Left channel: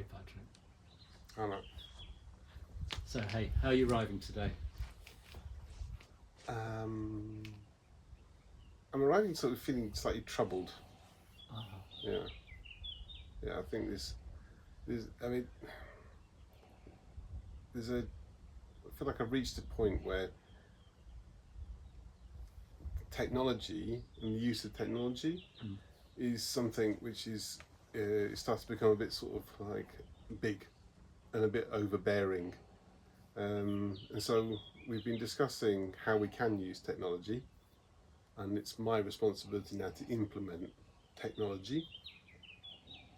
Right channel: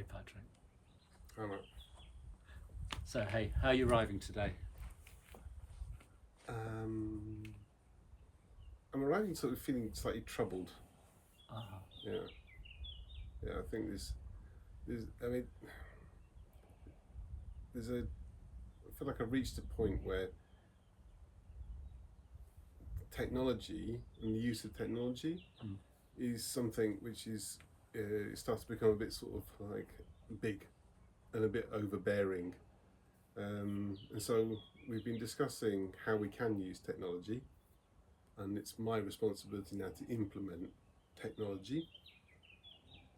Hey, Patrick. Hello. So, hey, how are you arriving today? I'm arriving sort of feeling slightly troubled. Yeah. Yeah, I think I feel like I've reached a point where technology and the use of technology is something which is, it starts to become a bit sort of like big and a bit overbearing. And so we've been discussing how we can use technology, and it's my responsibility now to implement technology.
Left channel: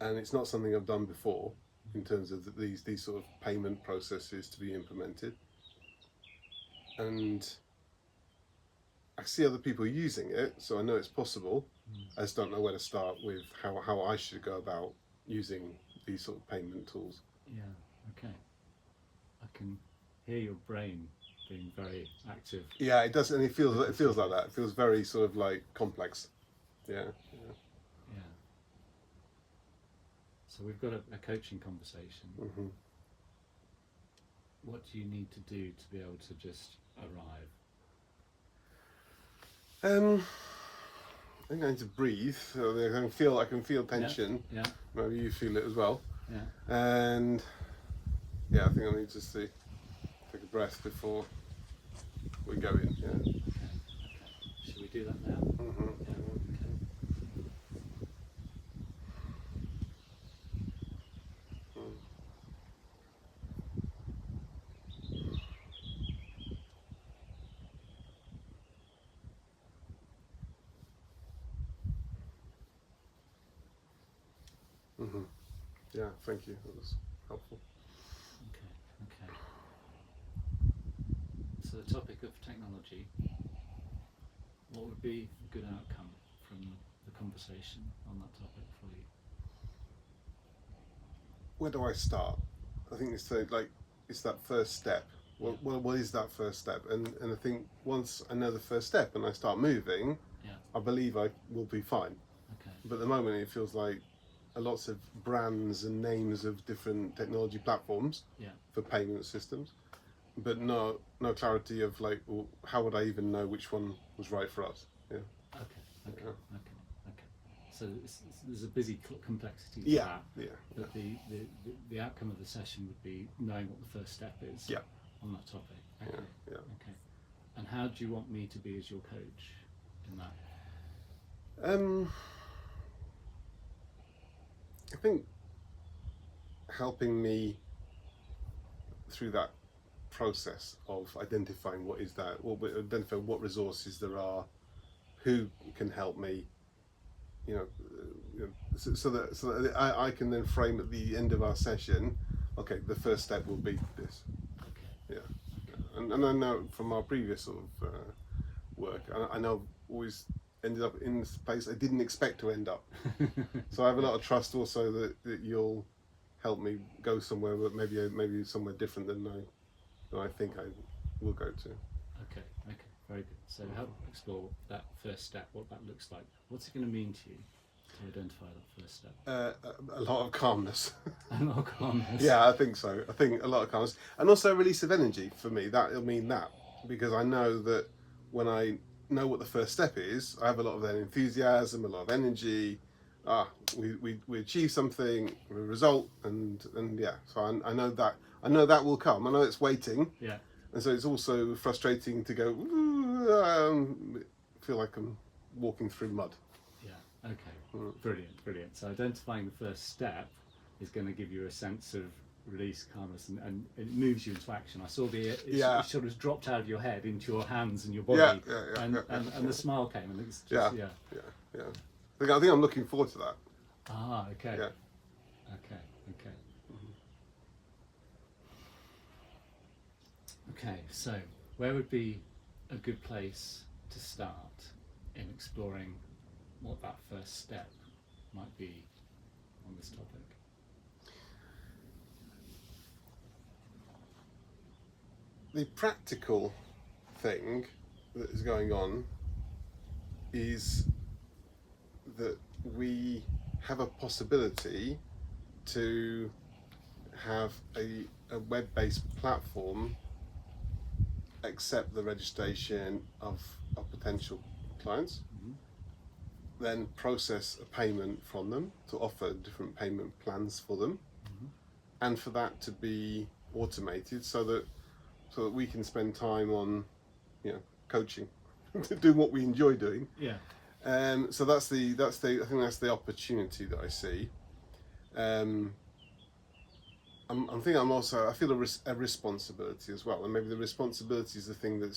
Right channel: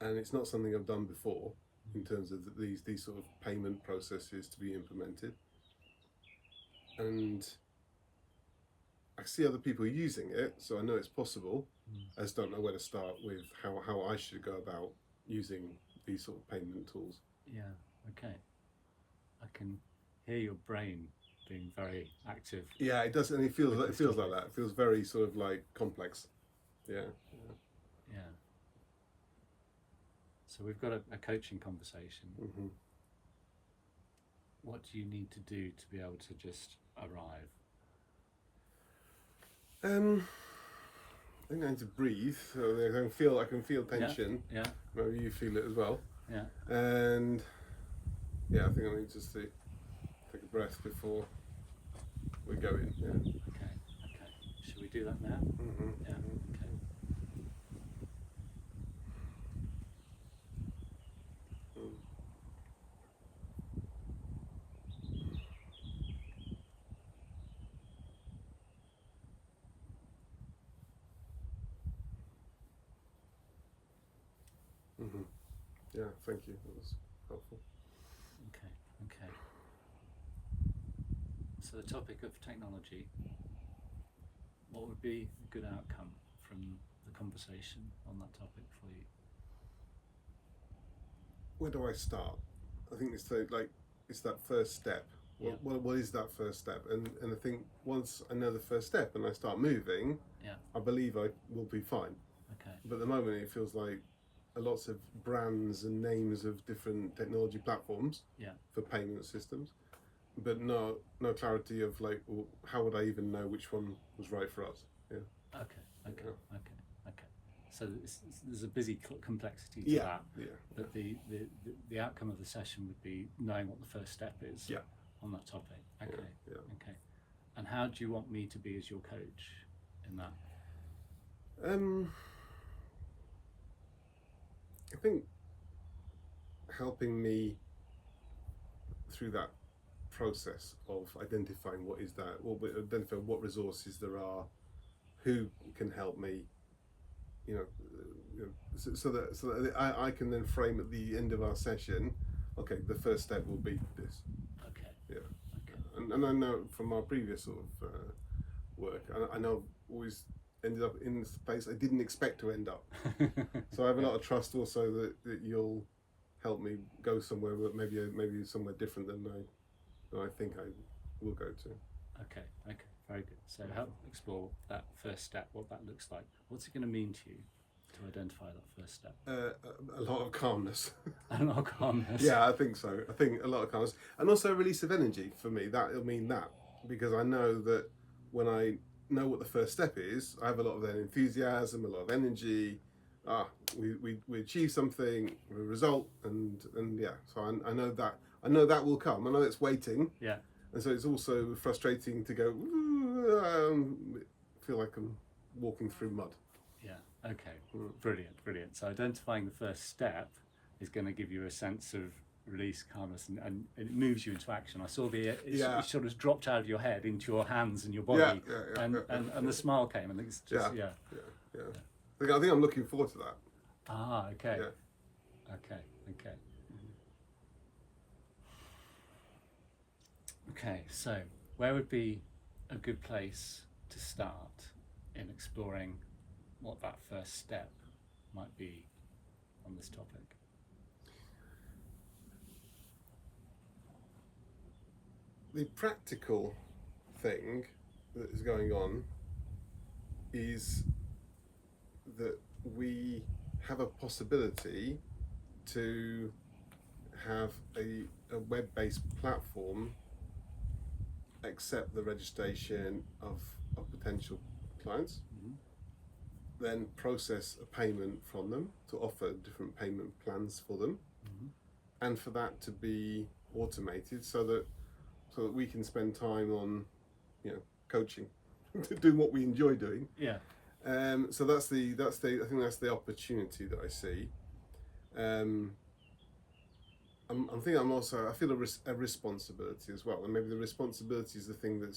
And it's not something I've done before in terms of these sort of payment processes to be implemented. And I see other people using it, so I know it's possible. I just don't know where to start with how I should go about using these sort of payment tools. Yeah, okay. I can hear your brain being very active. Yeah, it does, and it feels like that. It feels very sort of like complex. Yeah. So we've got a coaching conversation. Mm-hmm. What do you need to do to be able to just arrive? I think I need to breathe. So I can feel tension. Yeah. Maybe you feel it as well. Yeah. And yeah, I think I need just to take a breath before we go in. Yeah. Okay. Should we do that now? Mm-hmm. Yeah. Okay. Mm-hmm. Yeah, thank you. That was helpful. Okay. So the topic of technology, what would be a good outcome from the conversation on that topic for you? Where do I start? I think it's that first step. What is that first step? And I think once I know the first step and I start moving, I believe I will be fine. Okay. But at the moment it feels like lots of brands and names of different technology platforms for payment systems, but no clarity of like, well, how would I even know which one was right for us? Yeah. Okay. So there's a busy complexity to that. But the outcome of the session would be knowing what the first step is on that topic. Okay. And how do you want me to be as your coach in that? I think helping me through that process of identifying identify what resources there are, who can help me, so that I can then frame at the end of our session, okay, the first step will be this. Okay. Yeah. And I know from our previous sort of work, I know I've always ended up in this place I didn't expect to end up. So I have a lot of trust also that you'll help me go somewhere, but maybe somewhere different than I think I will go to. Okay, very good. So help explore that first step, what that looks like. What's it going to mean to you to identify that first step? A lot of calmness. A lot of calmness. Yeah, I think so. I think a lot of calmness, and also a release of energy for me. That'll mean that, because I know that when I know what the first step is, I have a lot of enthusiasm, a lot of energy. We achieve something, a result, and yeah. So I know that will come. I know it's waiting. Yeah. And so it's also frustrating to go, feel like I'm walking through mud. Yeah, okay, brilliant. So identifying the first step is going to give you a sense of release, calmness, and it moves you into action. I saw it sort of dropped out of your head into your hands and your body, and the smile came, and it's just, yeah. I think I'm looking forward to that. Okay. Yeah. Okay. Okay, so where would be a good place to start in exploring what that first step might be on this topic? The practical thing that is going on is that we have a possibility to have a web-based platform accept the registration of potential clients, then process a payment from them to offer different payment plans for them, and for that to be automated so that we can spend time on, coaching, doing what we enjoy doing. Yeah. So I think that's the opportunity that I see. I feel a responsibility as well, and maybe the responsibility is the thing that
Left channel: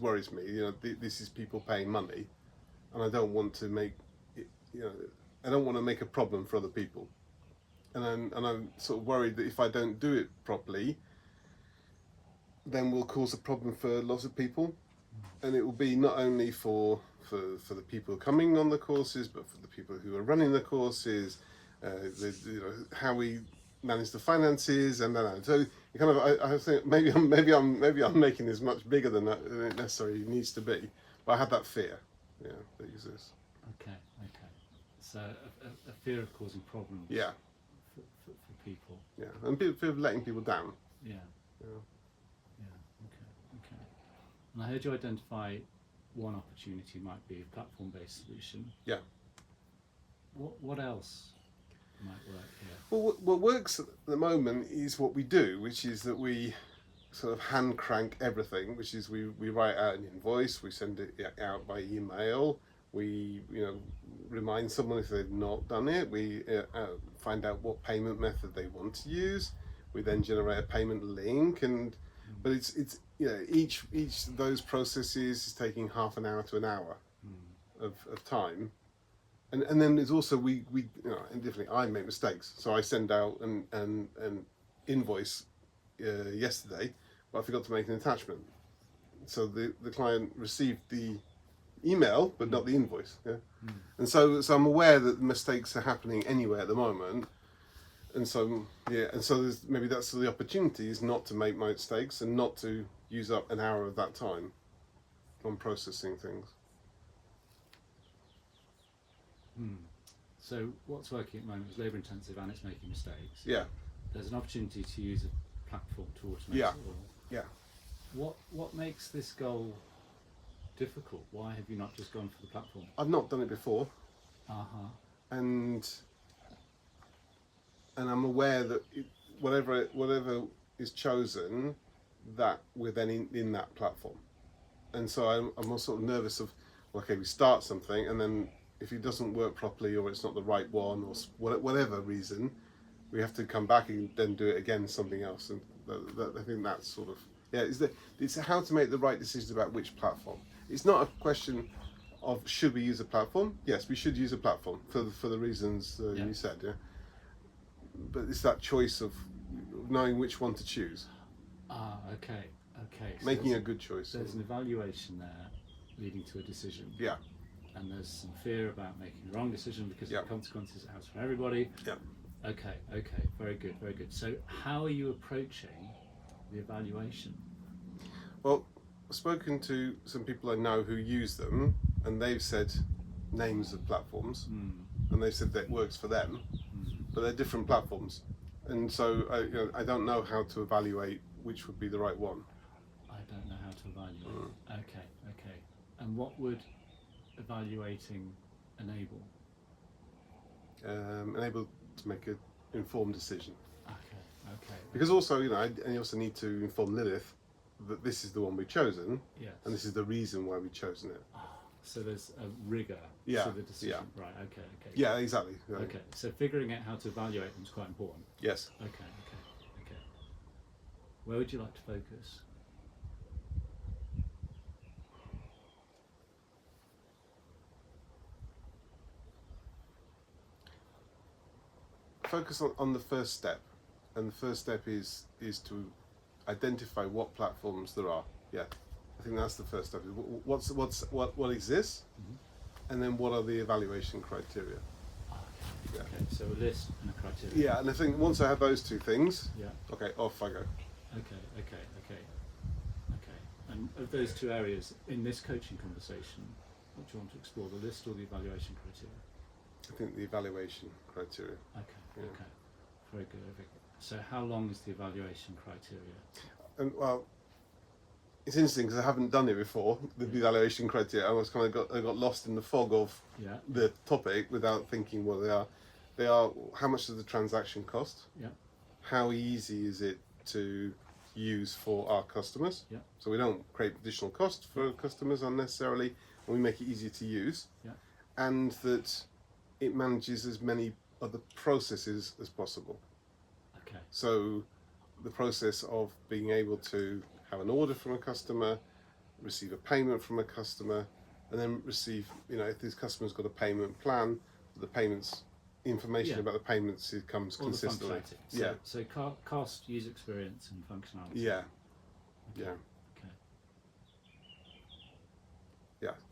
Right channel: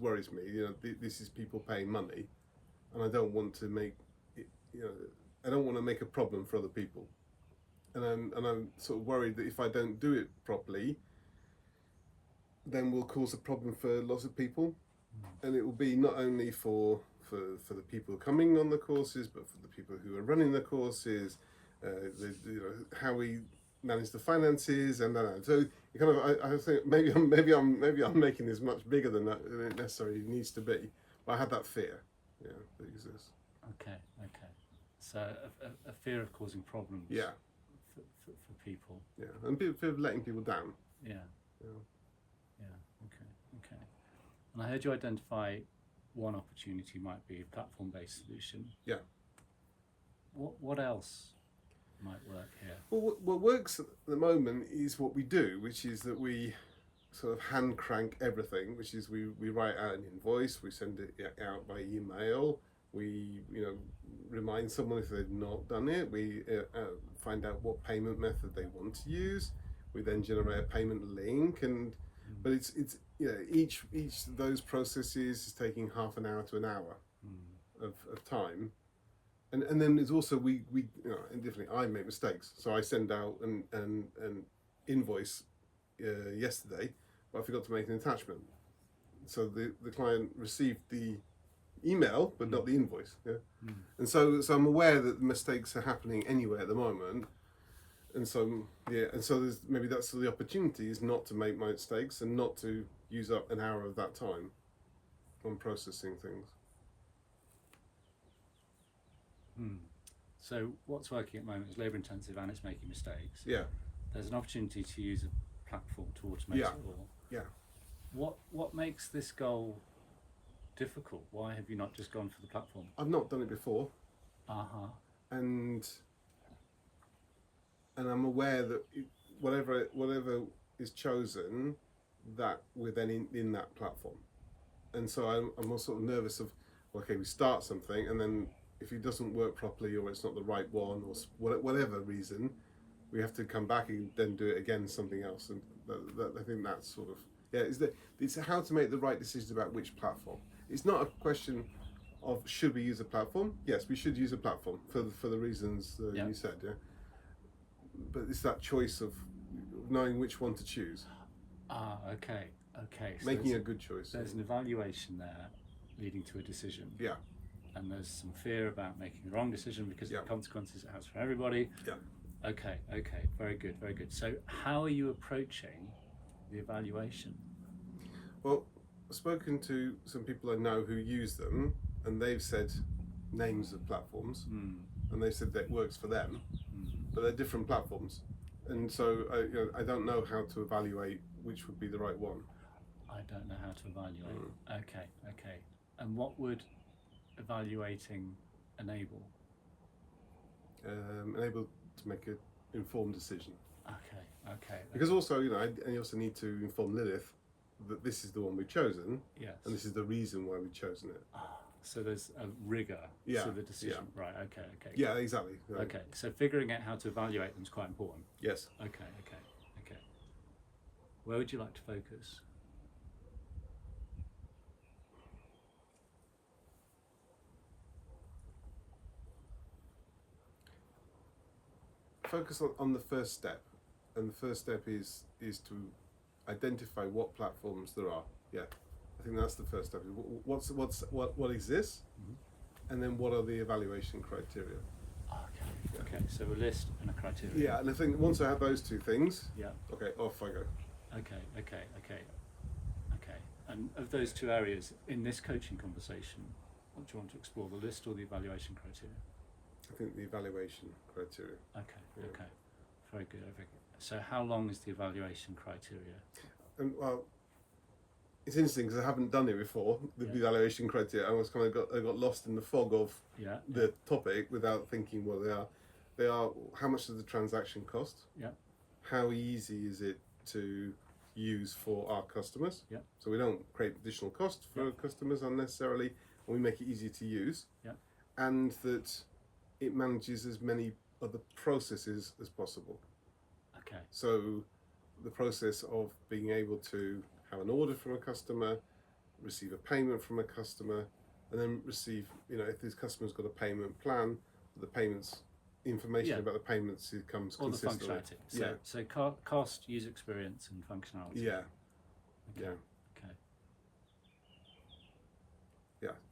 worries me. This is people paying money, and I don't want to make it, I don't want to make a problem for other people, and I'm sort of worried that if I don't do it properly, then we'll cause a problem for lots of people, and it will be not only for the people coming on the courses, but for the people who are running the courses, how we manage the finances, and so kind of I think maybe I'm making this much bigger than it necessarily needs to be, but I have that fear, that exists. Okay. So a fear of causing problems. Yeah. For people. Yeah, and fear of letting people down. Yeah. Okay. And I heard you identify one opportunity might be a platform-based solution. Yeah. What else might work here? Well, what works at the moment is what we do, which is that we sort of hand crank everything, which is we write out an invoice, we send it out by email, we remind someone if they've not done it, we find out what payment method they want to use, we then generate a payment link, but it's each of those processes is taking half an hour to an hour of time. And then there's also we and definitely I make mistakes. So I send out an invoice yesterday, but I forgot to make an attachment. So the client received the email, but not the invoice. Yeah, and so I'm aware that mistakes are happening anywhere at the moment, and so there's maybe that's the opportunity is not to make mistakes and not to use up an hour of that time on processing things. So what's working at the moment is labour intensive and it's making mistakes. Yeah. There's an opportunity to use a platform to automate it all. Yeah. What makes this goal difficult? Why have you not just gone for the platform? I've not done it before. And I'm aware that whatever is chosen, that we're then in that platform. And so I'm also sort of nervous of, okay, we start something and then if it doesn't work properly or it's not the right one or whatever reason, we have to come back and then do it again, something else. And I think that's sort of, it's how to make the right decisions about which platform. It's not a question of should we use a platform? Yes, we should use a platform for the reasons you said, but it's that choice of knowing which one to choose. Okay. So making a good choice. There's an evaluation there leading to a decision. Yeah. And there's some fear about making the wrong decision because of the consequences it has for everybody. Yeah. Okay, very good. So how are you approaching the evaluation? Well, I've spoken to some people I know who use them, and they've said names of platforms, and they've said that it works for them, but they're different platforms, and so I don't know how to evaluate which would be the right one. I don't know how to evaluate. Okay. And what would evaluating enable? Enable to make an informed decision. Okay. Because also, I also need to inform Lilith that this is the one we've chosen. Yes. And this is the reason why we've chosen it. So there's a rigour to the decision. Yeah. Right. Okay. Yeah, exactly. Yeah. Okay. So figuring out how to evaluate them is quite important. Yes. Okay. Where would you like to focus? Focus on the first step, and the first step is to identify what platforms there are. Yeah, I think that's the first step. What exists, and then what are the evaluation criteria? Okay. So a list and a criteria. Yeah, and I think once I have those two things, okay, off I go. Okay. And of those two areas in this coaching conversation, what do you want to explore, the list or the evaluation criteria? I think the evaluation criteria. Okay. Very good. So how long is the evaluation criteria? Well, it's interesting because I haven't done it before. The evaluation criteria, I got lost in the fog of the topic without thinking what they are. They are, how much does the transaction cost? Yeah. How easy is it to use for our customers? Yeah. So we don't create additional cost for customers unnecessarily, and we make it easier to use. Yeah. And that it manages as many other processes as possible. Okay. So the process of being able to have an order from a customer, receive a payment from a customer, and then receive, if this customer's got a payment plan, the payments information about the payments, it comes all consistently. The functionality. So cost, user experience, and functionality. Yeah. Okay. Yeah. Okay.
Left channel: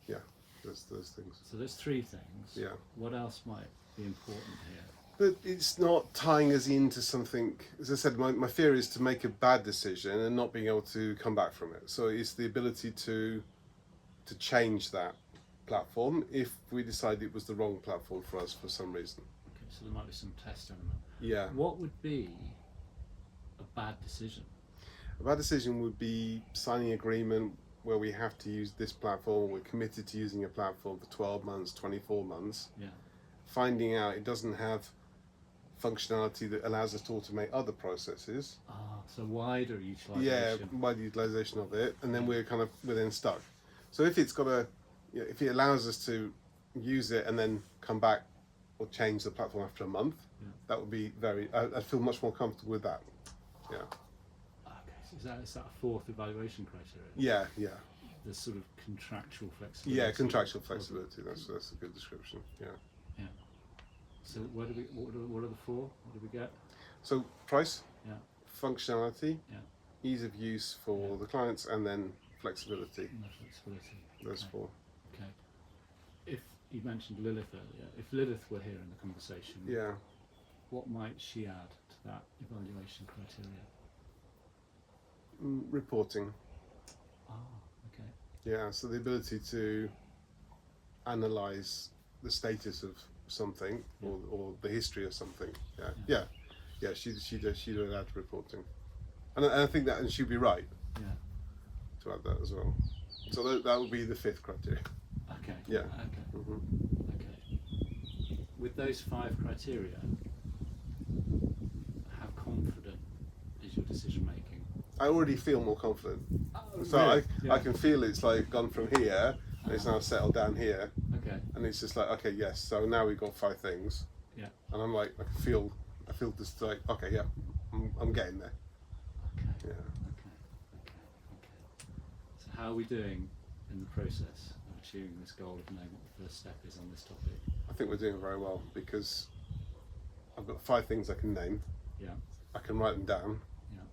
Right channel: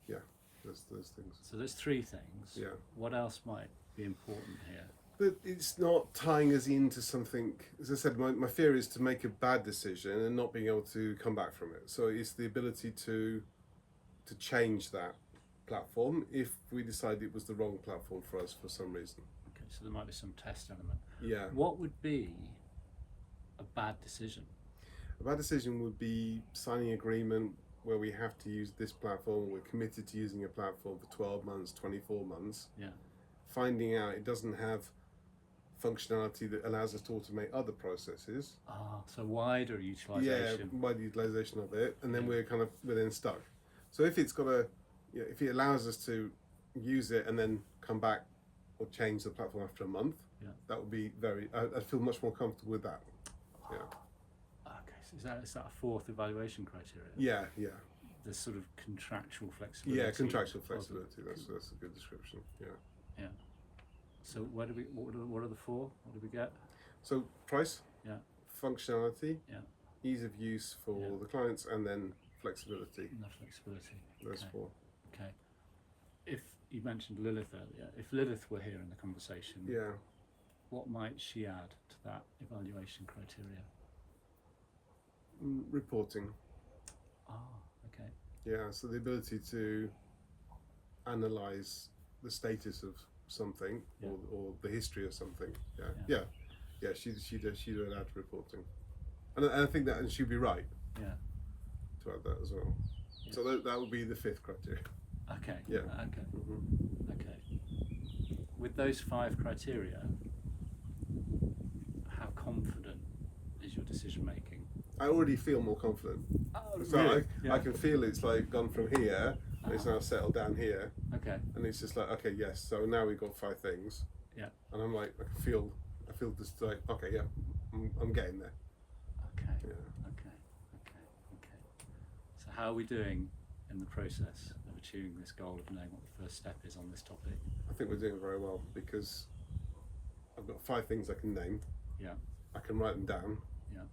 Yeah. Those things. So there's 3 things. Yeah. What else might be important here? But it's not tying us into something. As I said, my fear is to make a bad decision and not being able to come back from it. So it's the ability to change that platform if we decide it was the wrong platform for us for some reason. Okay, so there might be some test element. Yeah. What would be a bad decision? A bad decision would be signing an agreement where we have to use this platform, we're committed to using a platform for 12 months, 24 months. Yeah. Finding out it doesn't have functionality that allows us to automate other processes. So wider utilization. Yeah, wider utilization of it, and then we're then stuck. So if it's got if it allows us to use it and then come back or change the platform after a month, that would be I'd feel much more comfortable with that. Yeah. Okay, so is that a 4th evaluation criteria? Yeah. The sort of contractual flexibility. Yeah, contractual flexibility. That's a good description. Yeah. Yeah. So what are the 4? What do we get? So price. Yeah. Functionality. Yeah. Ease of use for the clients, and then flexibility. No flexibility. Those 4. Okay. If you mentioned Lilith earlier, if Lilith were here in the conversation, what might she add to that evaluation criteria? Reporting. Okay. Yeah, so the ability to analyse the status of something or the history of something. Yeah. She'd add reporting, and I think that, and she'd be right. Yeah. To add that as well. So that would be the 5th criteria. Okay. Yeah. Okay. Okay. With those 5 criteria, how confident is your decision making? I already feel more confident. So really? I can feel it's like gone from here, and it's now settled down here. Okay. And it's just like, okay, yes. So now we've got 5 things. Yeah. And I'm like, I feel just like, okay, yeah, I'm getting there. Okay. Yeah. Okay. So how are we doing in the process of achieving this goal of knowing what the first step is on this topic? I think we're doing very well because I've got 5 things I can name. Yeah. I can write them down. Yeah.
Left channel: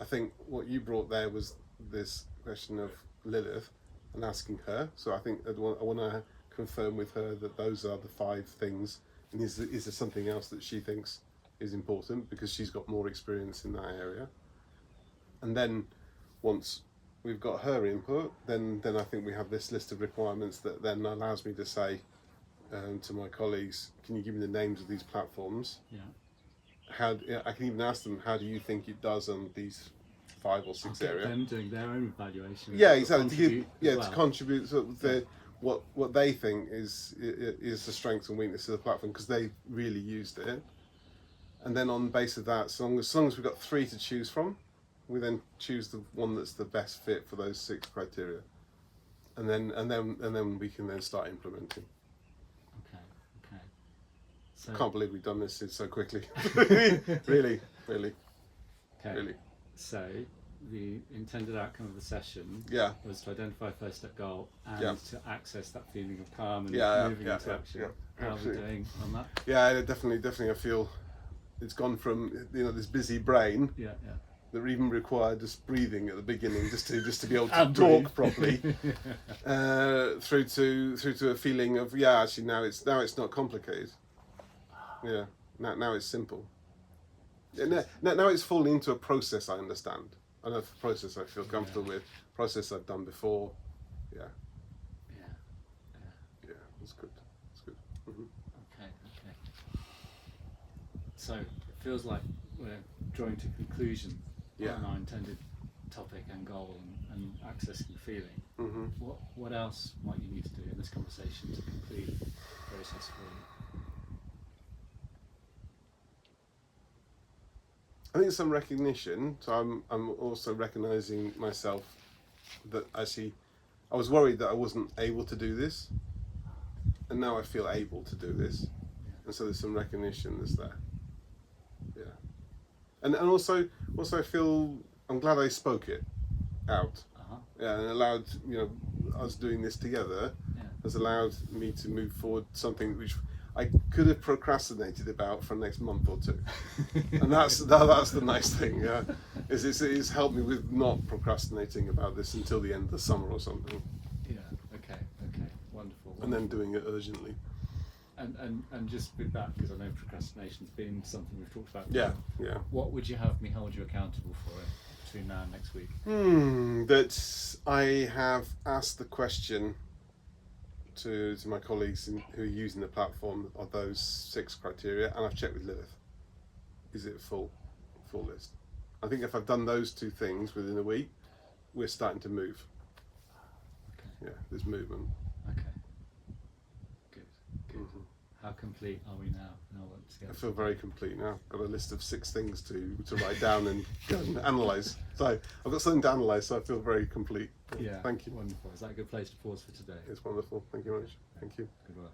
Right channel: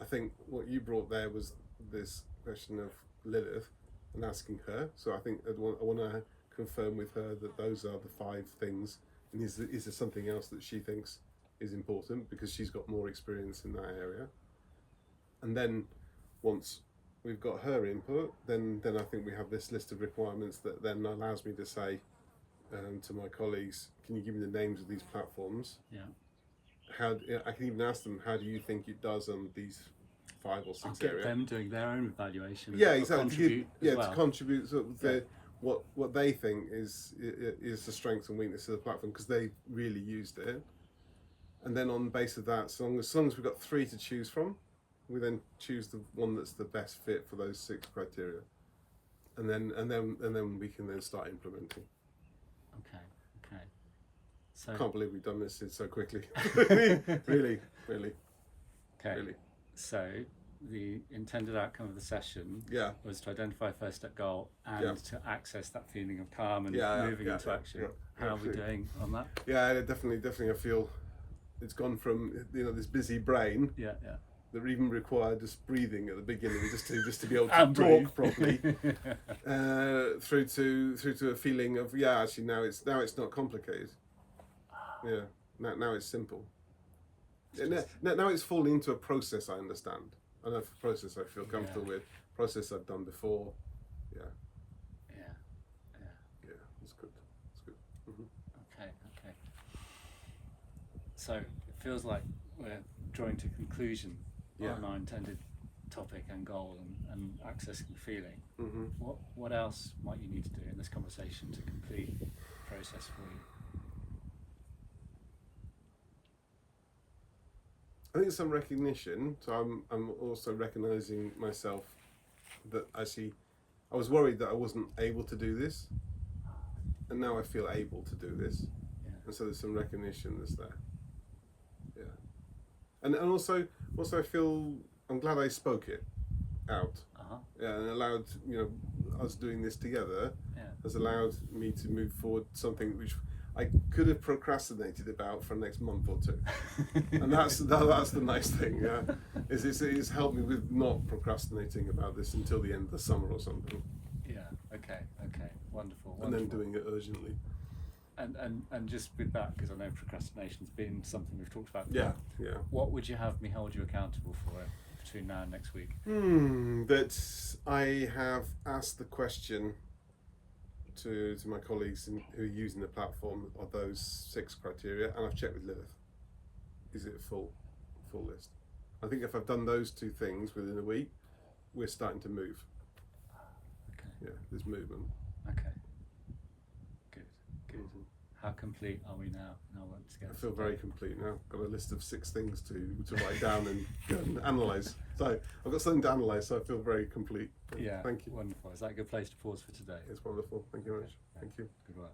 I think what you brought there was this question of Lilith and asking her. So I think I want to confirm with her that those are the 5 things. And is there something else that she thinks is important because she's got more experience in that area? And then once we've got her input, then I think we have this list of requirements that then allows me to say to my colleagues, can you give me the names of these platforms? Yeah. I can even ask them, how do you think it does on these 5 or 6 Get areas? them doing their own evaluation. Yeah, exactly. To contribute sort of what they think is the strengths and weaknesses of the platform because they really used it. And then on the basis of that, as long as we've got 3 to choose from, we then choose the one that's the best fit for those 6 criteria, and then we can then start implementing. Okay. So I can't believe we've done this so quickly. really. Okay. Really. So the intended outcome of the session was to identify first step goal and to access that feeling of calm and moving into action. How are we doing on that? Yeah, definitely. I feel it's gone from this busy brain that even required just breathing at the beginning just to be able to talk properly through to a feeling of actually now it's not complicated. Yeah, now it's simple. Now it's falling into a process I understand. I know a process I feel comfortable with, process I've done before. Yeah, it's good. Mm-hmm. Okay. So it feels like we're drawing to conclusion Yeah. on our intended topic and goal and accessing feeling, what else might you need to do in this conversation to complete the process for you? I think some recognition. So I'm also recognizing myself that actually I was worried that I wasn't able to do this, and now I feel able to do this, and so there's some recognition that's there. Yeah, and also I feel I'm glad I spoke it out. Yeah, and allowed us doing this together has allowed me to move forward something which I could have procrastinated about for the next month or two, and that's the nice thing. Yeah, it's helped me with not procrastinating about this until the end of the summer or something. Yeah. Okay. Wonderful. And then doing it urgently. And just with that, because I know procrastination's been something we've talked about. Yeah. What would you have me hold you accountable for between now and next week? That I have asked the question to my colleagues who are using the platform of those 6 criteria, and I've checked with Lilith. Is it a full list? I think if I've done those 2 things within a week, we're starting to move. Okay. Yeah, there's movement. Okay. Good. How complete are we now in our work together? I feel very complete now. I've got a list of 6 things to write down and go and analyse. So I've got something to analyse, so I feel very complete. Yeah. Thank you. Wonderful. Is that a good place to pause for today? It's wonderful. Thank you very much. Thank you. Good work.